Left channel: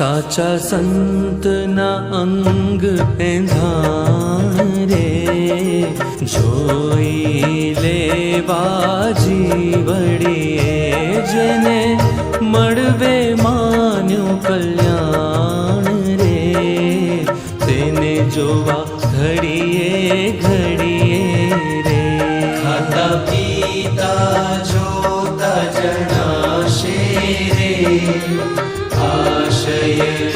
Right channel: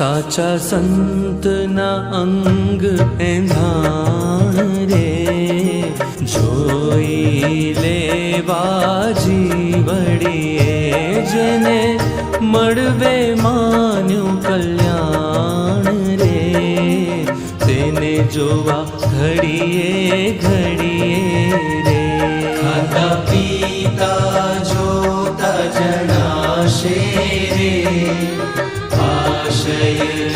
સાચા સંતના અંગ એંધાણ રે, જોઈ લેવા જીવડીએ જેને મળવે માન્યું કલ્યાણ રે, તેને જોવા ઘડીએ ઘડીએ રે. ખાતા પીતા જોતા જણાશે રે, આશય